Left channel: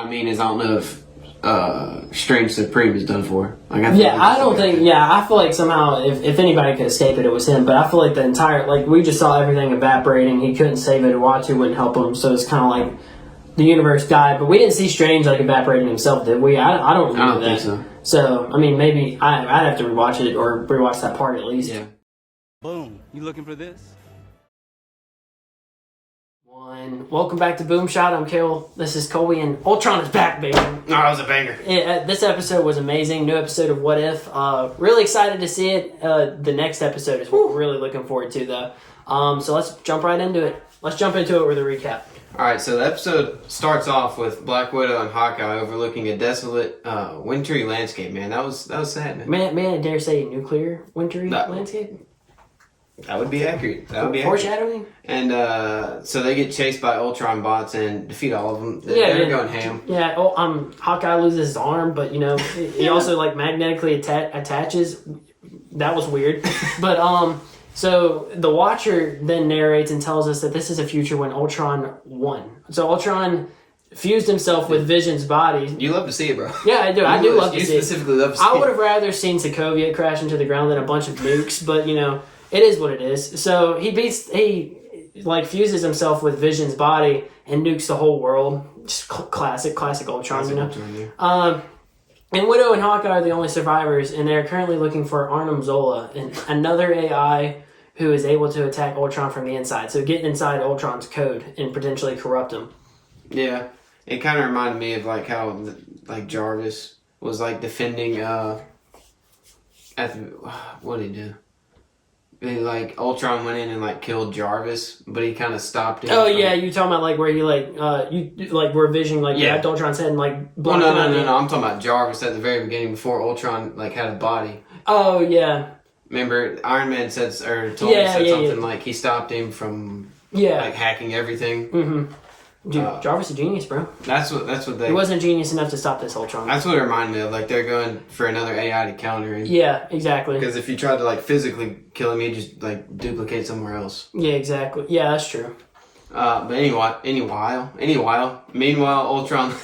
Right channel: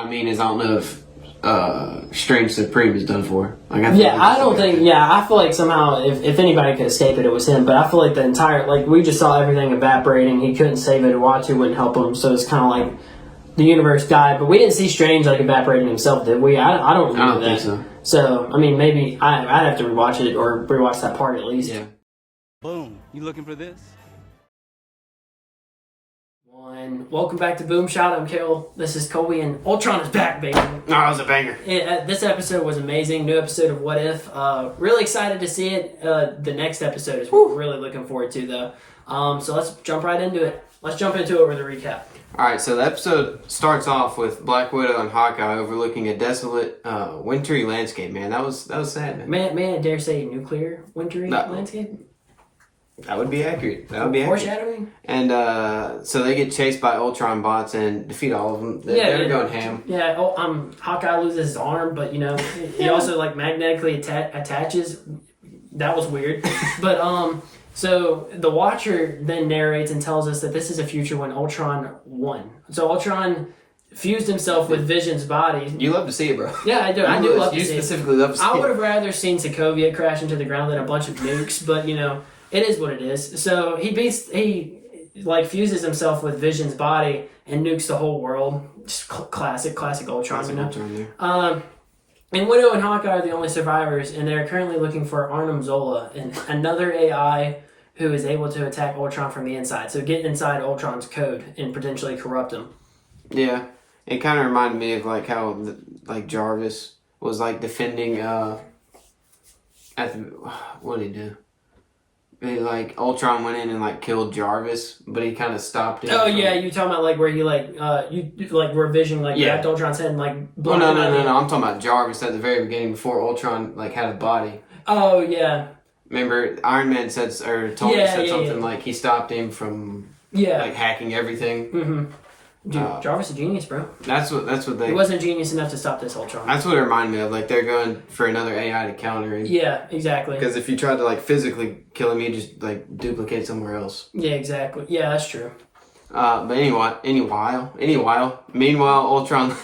I mean is I don't know if Strange Supreme is done for. Like, I feel like somehow if anybody could escape it, it was him. But I feel like the entire, like, we just saw everything evaporating. He couldn't save it. Uatu wouldn't help him. So it's kind of like the universe died. But we didn't see Strange, like, evaporating himself, did we? I don't remember that. Think so. So, I mean, maybe I'd have to rewatch it or rewatch that part at least. Yeah. Boom. You looking for this? Welcome back to Boom Shot. I'm Kale. This is Colby, and Ultron is back, baby. No, that was a banger. This episode was amazing. New episode of What If. Really excited to see it. The next episode is what we're really looking forward to, though. So let's jump right into it. Let's jump into it with a recap. All right, so the episode starts off with Black Widow and Hawkeye overlooking a desolate, wintry landscape. Man, that was sad, man. Man, I dare say nuclear wintry landscape. That would be accurate. Foreshadowing. And so they get chased by Ultron bots and defeat all of them. They're going ham. Yeah. Hawkeye loses his arm, but he also like magnetically attaches. That was weird. But so the Watcher then narrates and tells us that this is a future when Ultron won. So Ultron fused himself with Vision's body. You love to see it, bro. Yeah, I do. I do love to see it. You specifically love to see it. I would have rather seen Sokovia crash into the ground than a bunch of nukes, but it is what it is. So he fuses himself with Vision's body and nukes the whole world. Just classic Ultron, Ultron, and Widow and Hawkeye are the only survivors, and they're currently looking for Arnim Zola, another AI who is able to attack Ultron from the inside. So get inside Ultron's code and potentially corrupt him. Yeah, it kind of reminded me of like how Jarvis was like defending. What did he do? Ultron went in and killed Jarvis, but he kind of stopped him. Oh yeah, you talking about where he where Vision grabbed Ultron's head and No, I'm talking about Jarvis at the very beginning before Ultron had a body. Oh yeah. Remember, Iron Man said something like he stopped him from hacking everything. Mm-hmm. Dude, Jarvis is a genius, bro. That's what they. He wasn't a genius enough to stop this Ultron. That's what it reminded me of. Like they're going for another AI to counter him. Yeah, exactly. Because if you tried to physically kill him, he'd just duplicate somewhere else. Yeah, exactly. Yeah, that's true. But meanwhile, Ultron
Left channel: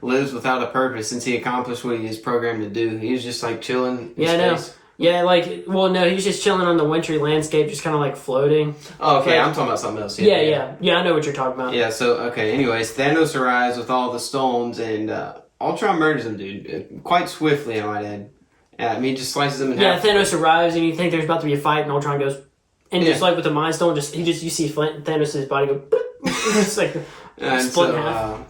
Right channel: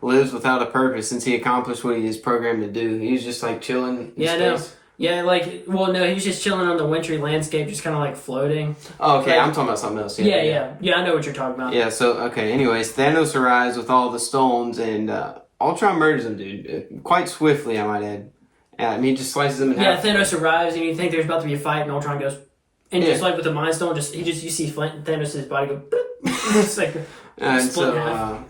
lives without a purpose since he accomplished what he is programmed to do. He was just chilling in space. Yeah, he was just chilling on the wintry landscape, just kind of floating. Oh, okay, I'm talking about something else. Yeah, I know what you're talking about. Yeah, so, okay, anyways, Thanos arrives with all the stones, and Ultron murders him, dude. Quite swiftly, I might add. He just slices him in half. Yeah, Thanos arrives, and you think there's about to be a fight, and Ultron goes, and just with the Mind Stone, you see Thanos' body go, it's split in half.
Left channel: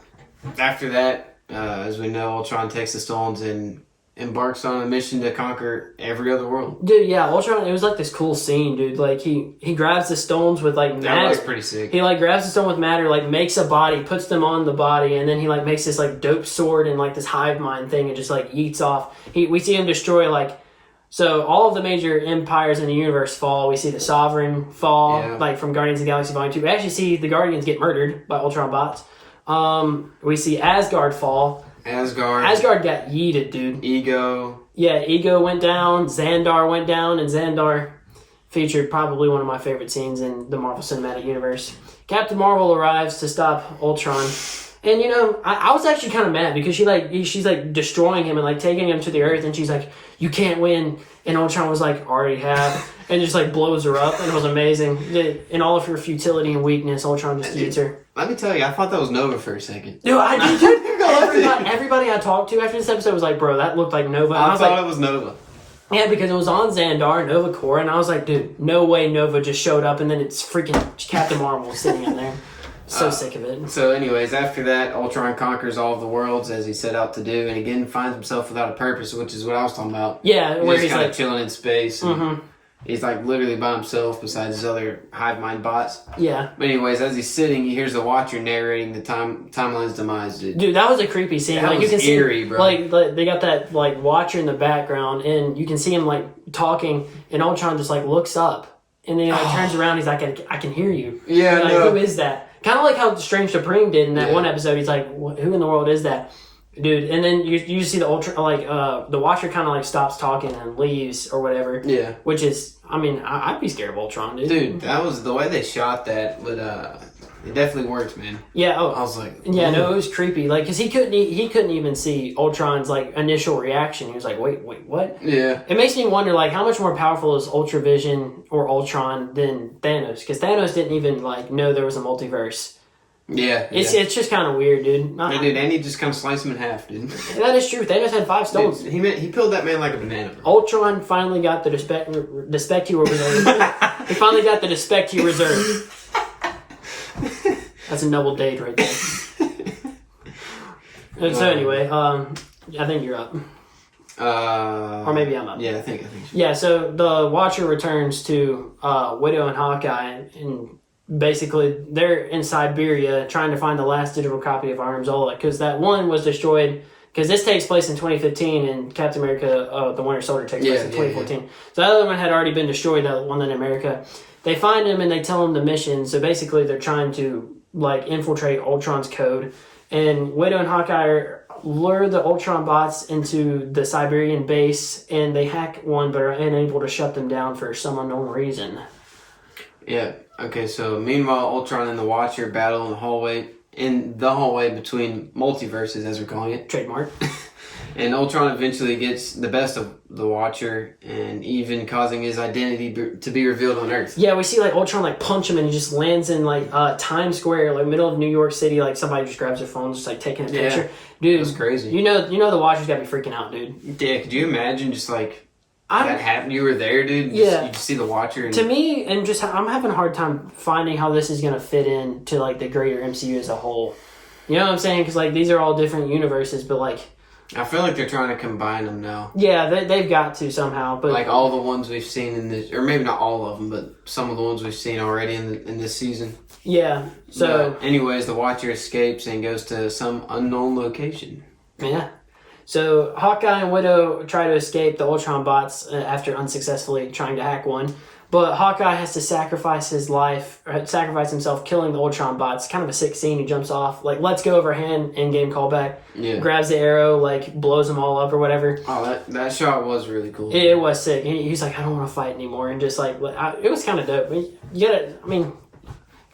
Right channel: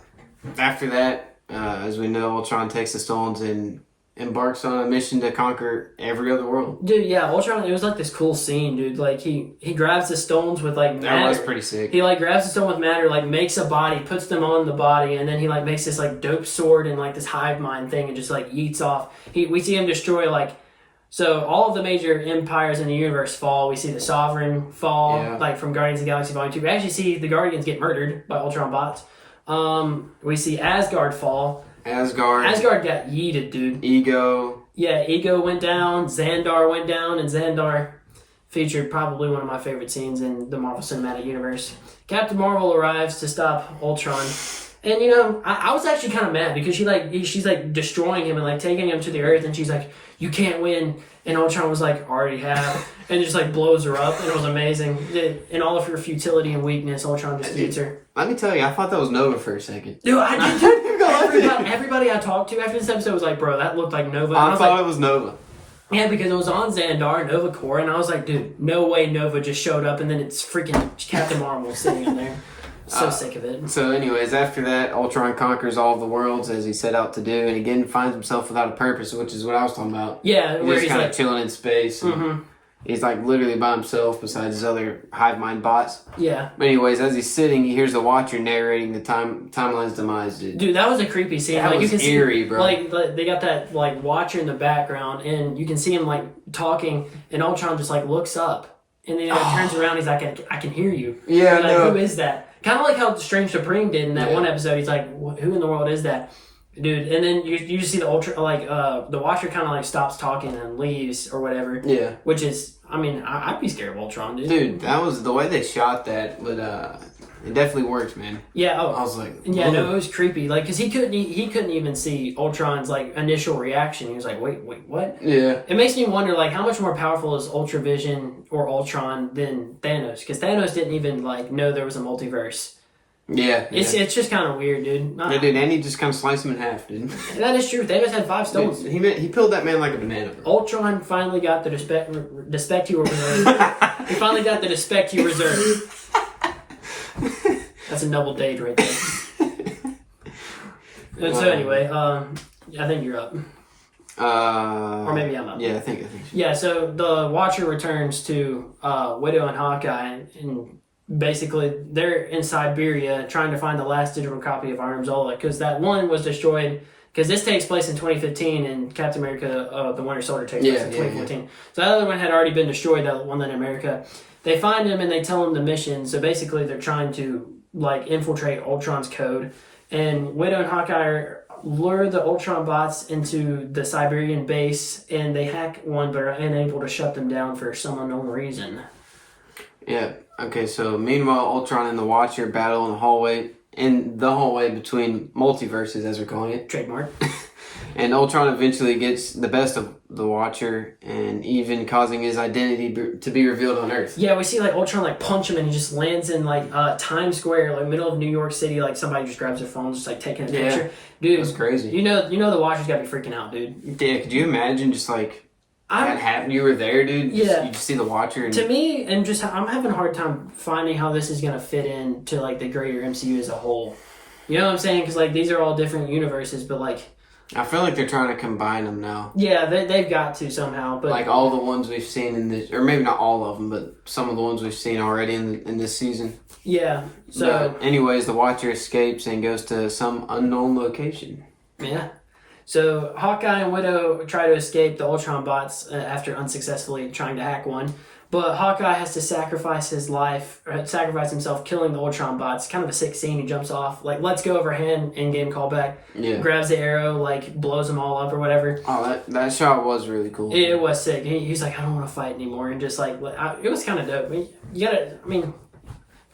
After that, as we know, Ultron takes the stones and embarks on a mission to conquer every other world. Dude, yeah, Ultron, it was this cool scene, dude. He grabs the stones with matter. That was pretty sick. He grabs the stone with matter, makes a body, puts them on the body, and then he makes this dope sword and this hive mind thing and just yeets off. We see him destroy so all of the major empires in the universe fall. We see the Sovereign fall, from Guardians of the Galaxy Volume 2. We actually see the Guardians get murdered by Ultron bots. We see Asgard fall. Asgard got yeeted, dude. Ego went down. Xandar went down, and Xandar featured probably one of my favorite scenes in the Marvel Cinematic Universe. Captain Marvel arrives to stop Ultron, and I was actually kind of mad because she's destroying him and taking him to the Earth, and she's like, "You can't win," and Ultron was already have, and just blows her up, and it was amazing. In all of her futility and weakness, Ultron just eats her. Let me tell you, I thought that was Nova for a second. Dude, everybody I talked to after this episode was like, bro, that looked like Nova. I thought it was Nova. Yeah, because it was on Xandar, Nova Corps, and I was like, dude, no way Nova just showed up and then it's freaking Captain Marvel sitting in there. So sick of it. So anyways, after that, Ultron conquers all of the worlds as he set out to do, and again finds himself without a purpose, which is what I was talking about. Yeah, where he's kind of chilling in space. And he's literally by himself besides his other hive mind bots. Yeah. But anyways, as he's sitting, he hears the Watcher narrating the timeline's demise, dude. Dude, that was a creepy scene. That was eerie, bro. They got that Watcher in the background, and you can see him talking, and Ultron just looks up, and then he turns around. He's like, "I can hear you." Yeah, who is that? Kind of like how Strange Supreme did in that one episode. He's like, "Who in the world is that?" Dude, and then you see the the Watcher kind of stops talking and leaves or whatever. Yeah. Which is, I'd be scared of Ultron, dude. Dude, that was the way they shot that with It definitely worked, man. Yeah. I Oh, was like, yeah. No, it was creepy. Like, cause he couldn't even see Ultron's like initial reaction. He was like, wait, what? Yeah. It makes me wonder, like, how much more powerful is Ultravision or Ultron than Thanos? Because Thanos didn't even like know there was a multiverse. Yeah. It's just kind of weird, dude. Yeah, dude, and he just kind of sliced him in half, dude. That is true. Thanos had 5 stones. Dude, he peeled that man like a banana, bro. Ultron finally got the respect he reserved. He finally got the respect he reserved. That's a noble date right there. So anyway, I think you're up. Or maybe I'm up. Yeah, I think so. Yeah, so the Watcher returns to Widow and Hawkeye, and basically they're in Siberia trying to find the last digital copy of Arnim Zola, because that one was destroyed, because this takes place in 2015 and Captain America, the Winter Soldier takes place in 2014. So that other one had already been destroyed, that one in America. They find him and they tell him the mission, so basically they're trying to like infiltrate Ultron's code, and Widow and Hawkeye lure the Ultron bots into the Siberian base, and they hack one but are unable to shut them down for some unknown reason. Yeah. Okay. So meanwhile, Ultron and the Watcher battle in the hallway between multiverses, as we're calling it. Trademark. And Ultron eventually gets the best of the Watcher, and even causing his identity to be revealed on Earth. Yeah, we see like Ultron like punch him, and he just lands in like Times Square, like middle of New York City. Like somebody just grabs their phone, just like taking a picture. Dude, that's crazy. You know the Watcher's got to be freaking out, dude. Yeah. Could you imagine just like that happened? You were there, dude. Yeah. You just see the Watcher. And... To me, and just I'm having a hard time finding how this is gonna fit in to like the greater MCU as a whole. You know what I'm saying? Because like these are all different universes, but like. I feel like they're trying to combine them now. Yeah, they've got to somehow. But like all the ones we've seen in this, or maybe not all of them, but some of the ones we've seen already in this season. Yeah. So, but anyways, the Watcher escapes and goes to some unknown location. Yeah. So Hawkeye and Widow try to escape the Ultron bots after unsuccessfully trying to hack one. But Hawkeye has to sacrifice himself, killing the Ultron bots. Kind of a sick scene. He jumps off, like, lets go of her hand, in-game callback. Yeah. Grabs the arrow, like, blows them all up or whatever. Oh, that shot was really cool. It was sick. He's like, I don't want to fight anymore. And just, like, it was kind of dope.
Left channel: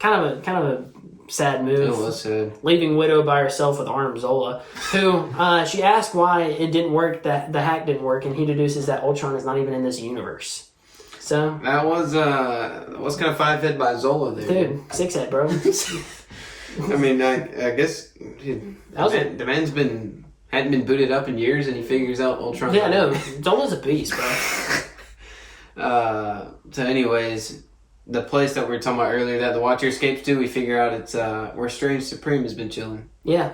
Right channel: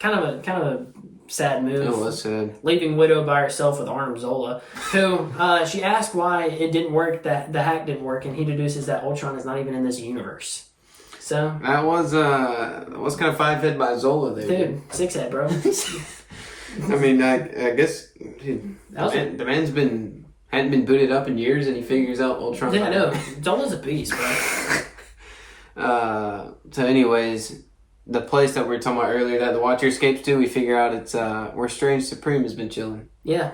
Kind of a sad move. It was sad. Leaving Widow by herself with Arnim Zola, who she asked why it didn't work, that the hack didn't work, and he deduces that Ultron is not even in this universe. So that was kind of 5-head by Zola there, dude. 6-head, bro. I mean, I guess the man's hadn't been booted up in years, and he figures out Ultron. Yeah, I know. Zola's a beast, bro. So, anyways, the place that we were talking about earlier that the Watcher escapes to, we figure out it's where Strange Supreme has been chilling. Yeah.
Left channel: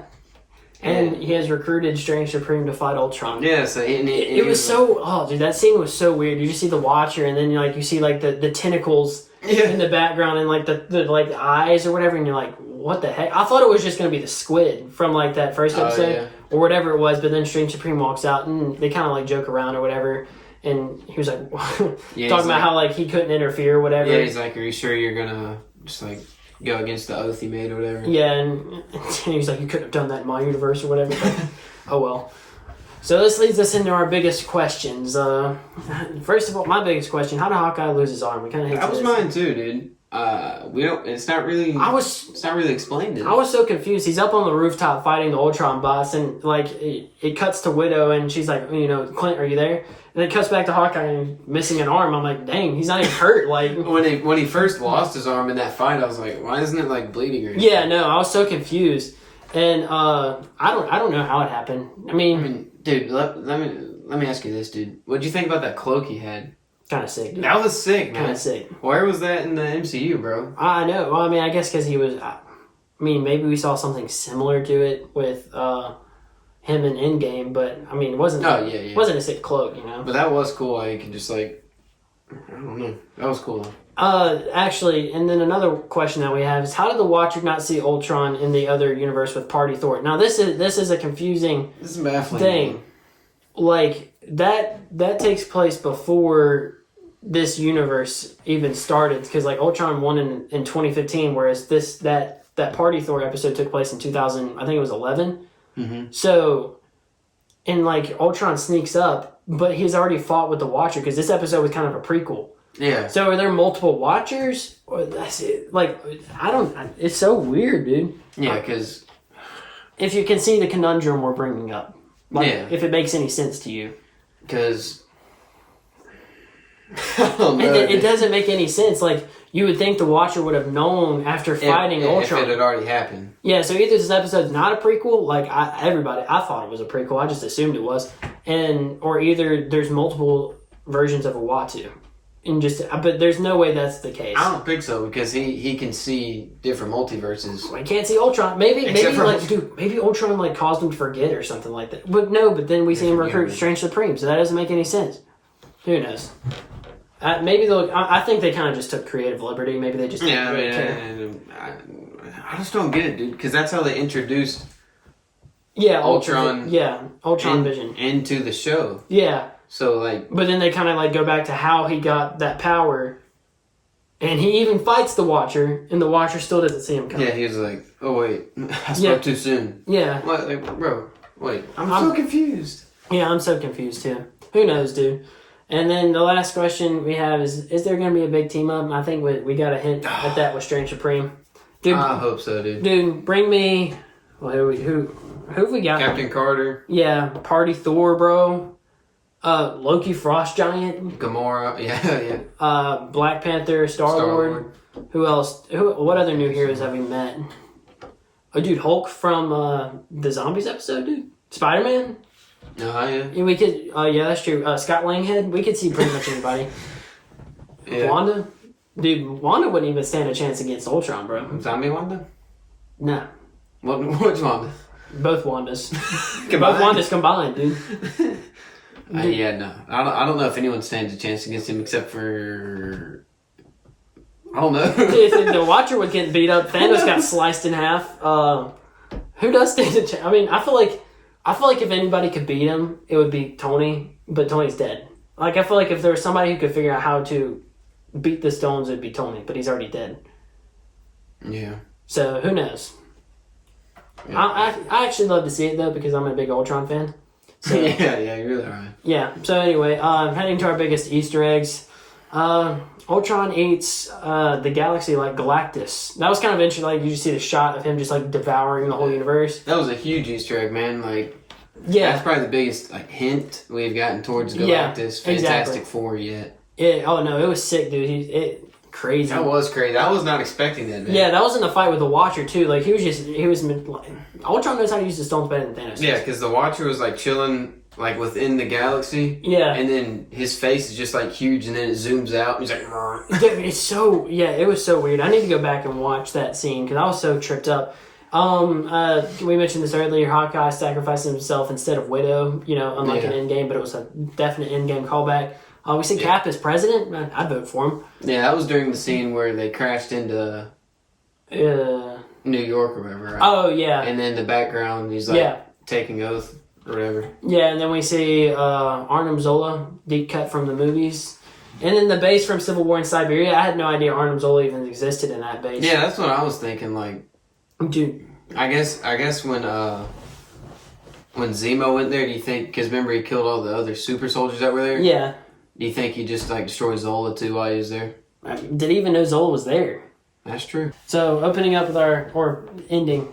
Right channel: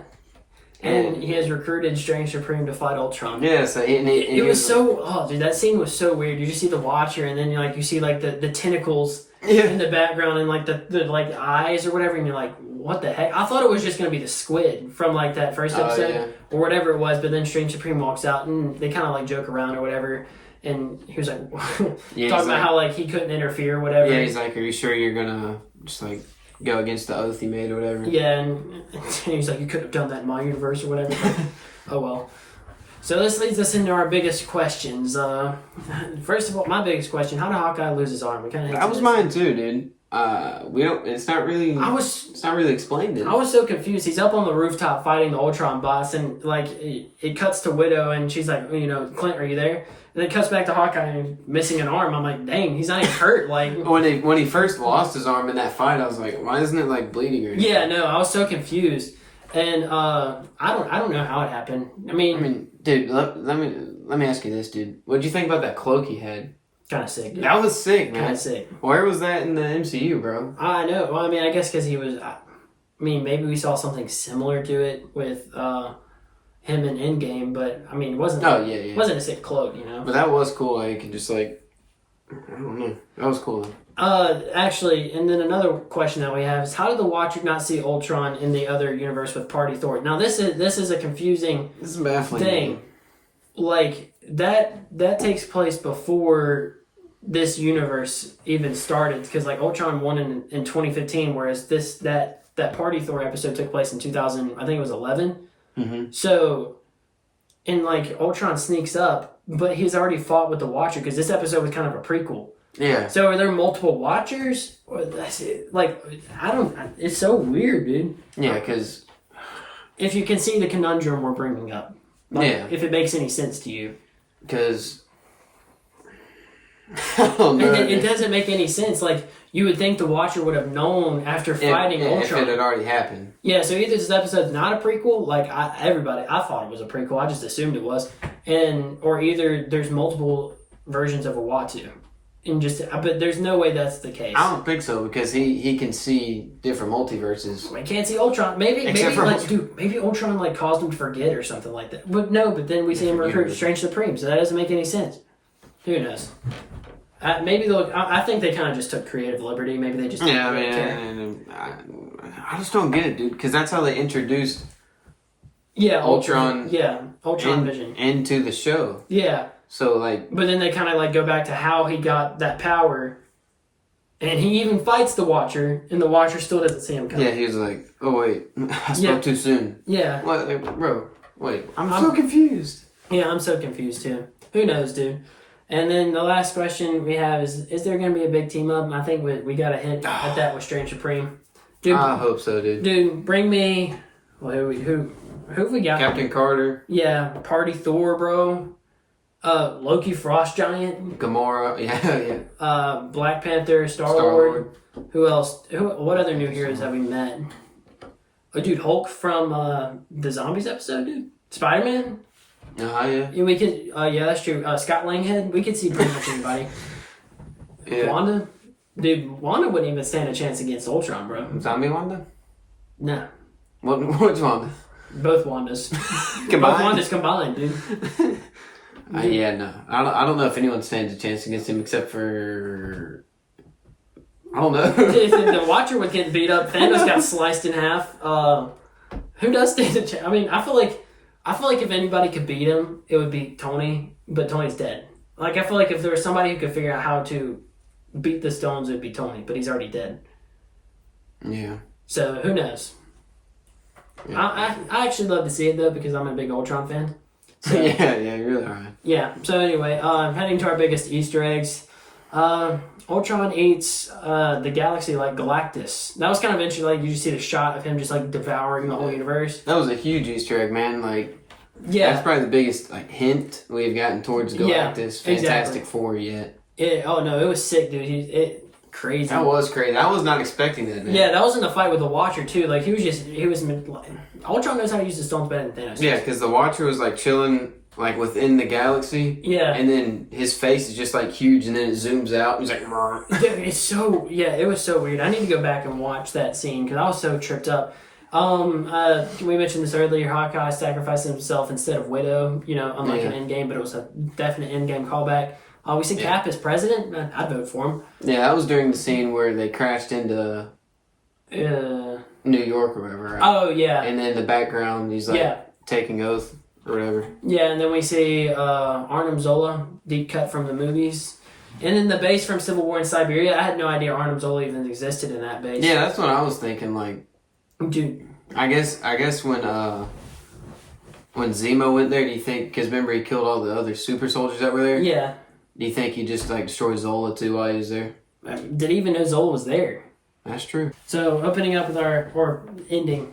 And he has recruited Strange Supreme to fight Ultron. Yeah, so it was so... Oh, dude, that scene was so weird. You just see the Watcher, and then you see like the tentacles in the background, and like the like eyes or whatever, and you're like, what the heck? I thought it was just going to be the squid from like that first episode or whatever it was, but then Strange Supreme walks out, and they kind of like joke around or whatever, and he was like... talking about how like he couldn't interfere or whatever. Yeah, he's like, are you sure you're going to just like... go against the oath he made or whatever. Yeah, and he's like, you couldn't have done that in my universe or whatever. Oh well. So this leads us into our biggest questions. First of all, my biggest question: how did Hawkeye lose his arm? We kind of that was mine too, dude. We don't. It's not really. It's not really explained. I was so confused. He's up on the rooftop fighting the Ultron bots, and like it cuts to Widow, and she's like, Clint, are you there? And it cuts back to Hawkeye and missing an arm. I'm like, dang, he's not even hurt. Like when he first lost his arm in that fight, I was like, why isn't it like bleeding or anything? Yeah, no, I was so confused, and I don't know how it happened. I mean, dude, let me ask you this, dude. What'd you think about that cloak he had? Kind of sick, dude. That was sick, man. Kind of sick. Where was that in the MCU, bro? I know. Well, I mean, I guess because he was. I mean, maybe we saw something similar to it with him in Endgame, but I mean, it wasn't. Oh yeah, yeah. It wasn't a sick cloak, But that was cool. Like, you could just like, I don't know. That was cool. Actually, and then another question that we have is, how did the Watcher not see Ultron in the other universe with Party Thor? Now, this is a confusing. This is baffling thing. Man. Like that takes place before this universe even started, because like Ultron won in 2015, whereas that Party Thor episode took place in 2000. I think it was 11. Mm-hmm. So, and like Ultron sneaks up, but he's already fought with the Watcher, because this episode was kind of a prequel. Yeah. So are there multiple watchers? Or like, I don't. It's so weird, dude. Yeah, because If you can see the conundrum we're bringing up, like, Yeah. if it makes any sense to you, I don't know. it doesn't make any sense. Like, you would think the Watcher would have known after fighting if Ultron. it had already happened. Yeah, so either this episode's not a prequel, like I thought it was a prequel, I just assumed it was, or either there's multiple versions of a Uatu, but there's no way that's the case. I don't think so because he can see different multiverses. I can't see Ultron. Maybe Ultron like caused him to forget or something like that. But no, but then we see him recruit Strange Supreme, so that doesn't make any sense. Who knows? Maybe they'll. I think they kind of just took creative liberty. Maybe they just Yeah, didn't really care. I just don't get it, dude. Because that's how they introduced Ultron in- Vision. into the show. Yeah, So like, but then they kind of like go back to how he got that power, and he even fights the Watcher, and the Watcher still doesn't see him coming. yeah, he was like, "Oh wait, I spoke too soon." Yeah, What, like, bro? Wait, I'm I'm- so confused. yeah, I'm so confused too. Who knows, dude? And then the last question we have is there going to be a big team up? And I think we got a hint at that with Strange Supreme. Dude, I hope so, dude. dude, bring me. Well, who have we got? Captain Carter, Yeah, Party Thor, bro. Loki Frost Giant. Gamora, yeah. Black Panther, Star-Lord. Who else? What other new heroes have we met? Oh, dude, Hulk from the Zombies episode, dude. Spider-Man. Oh yeah. Yeah, we could. Yeah, that's true. Scott Langhead. We could see pretty much anybody. Yeah. Wanda. Dude, Wanda wouldn't even stand a chance against Ultron, bro. Zombie Wanda? No. Which Wanda? Both Wandas. Combined? Both Wandas combined, dude. Yeah, no. I don't know if anyone stands a chance against him except for. I don't know. If the Watcher would get beat up, Thanos got sliced in half. Who does stand a chance? I mean, I feel like if anybody could beat him, it would be Tony, but Tony's dead. Like, I feel like if there was somebody who could figure out how to beat the Stones, it would be Tony, but he's already dead. Yeah. So, who knows? I actually love to see it, though, because I'm a big Ultron fan. So, yeah, you really are. yeah, so anyway, heading to our biggest Easter eggs. Ultron eats the galaxy like Galactus. That was kind of interesting. Like, you see the shot of him just like devouring the whole universe. That was a huge Easter egg, man. Like, Yeah. that's probably the biggest like hint we've gotten towards Yeah, Galactus, exactly. Fantastic Four yet. Oh no, it was sick, dude. Crazy. That was crazy. I was not expecting that, man. Yeah, that was in the fight with the Watcher too. Like he was like, Ultron knows how to use the stones better than Thanos. Yeah, because the Watcher was like chilling like within the galaxy. Yeah. And then his face is just like huge, and then it zooms out. And he's like, "Mrr." Dude, it was so weird. I need to go back and watch that scene because I was so tripped up. We mentioned this earlier. Hawkeye sacrificed himself instead of Widow. Unlike an Endgame, but it was a definite Endgame callback. We see Cap as president. I'd vote for him. Yeah, that was during the scene where they crashed into New York or whatever. Right? Oh yeah. And then the background, he's like Yeah. taking oath or whatever. Yeah, and then we see Arnim Zola, deep cut from the movies. And then the base from Civil War in Siberia. I had no idea Arnim Zola even existed in that base. Yeah, that's what I was thinking. Like, Dude. I guess when Zemo went there, do you think? Because remember he killed all the other super soldiers that were there. Yeah. Do you think he just like destroyed Zola too while he was there? Did he even know Zola was there? That's true. So, opening up with ending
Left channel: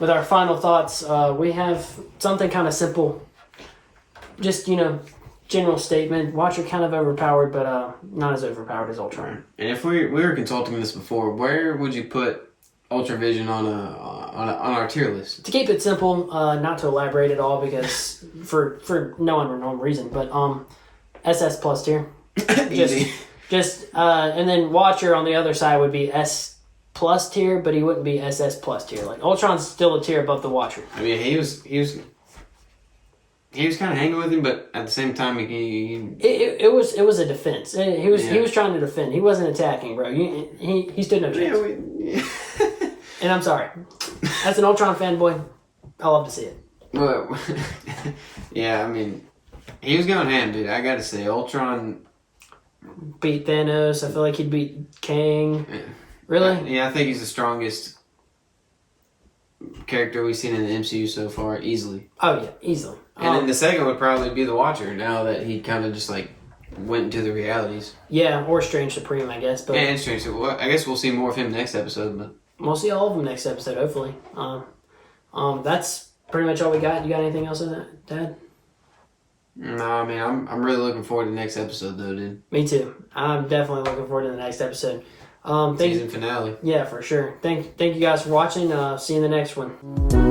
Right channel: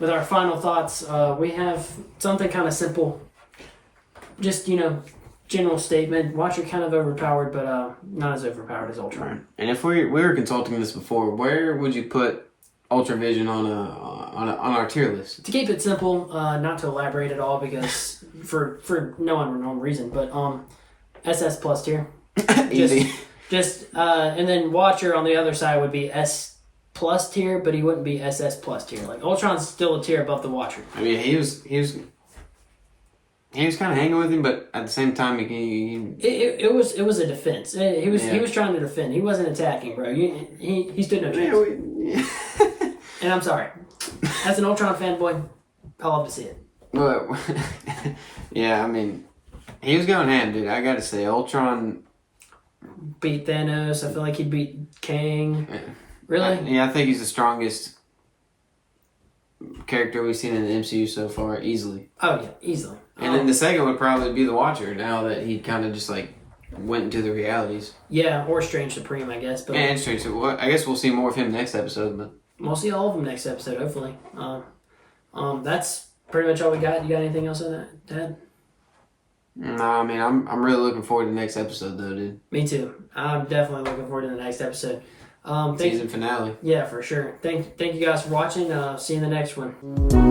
with our final thoughts, we have something kind of simple. Just, general statement. Watcher kind of overpowered, but not as overpowered as Ultron. And if we were consulting this before, where would you put Ultra Vision on our tier list? To keep it simple, not to elaborate at all, because for no unknown reason, but SS plus tier. Easy. And then Watcher on the other side would be S plus tier, but he wouldn't be SS plus tier. Like Ultron's still a tier above the Watcher. I mean, he was kind of hanging with him, but at the same time, It was a defense. He was trying to defend. He wasn't attacking, bro. He stood no chance. And I'm sorry, as an Ultron fanboy, I love to see it. Well, yeah, I mean, he was going ham, dude. I gotta say, Ultron Beat Thanos. I feel like he'd beat Kang. Really? Yeah, I think he's the strongest character we've seen in the MCU so far, easily. Oh yeah, easily. And then the second would probably be the Watcher. Now that he kind of just like went into the realities. Yeah, or Strange Supreme, I guess. But And Strange. Well, I guess we'll see more of him next episode. But we'll see all of them next episode, hopefully. That's pretty much all we got. You got anything else on that, Dad? nah, I mean, I'm really looking forward to the next episode, though, dude. Me too. I'm definitely looking forward to the next episode. Season finale. Yeah, for sure. Thank you guys for watching. See you in the next one.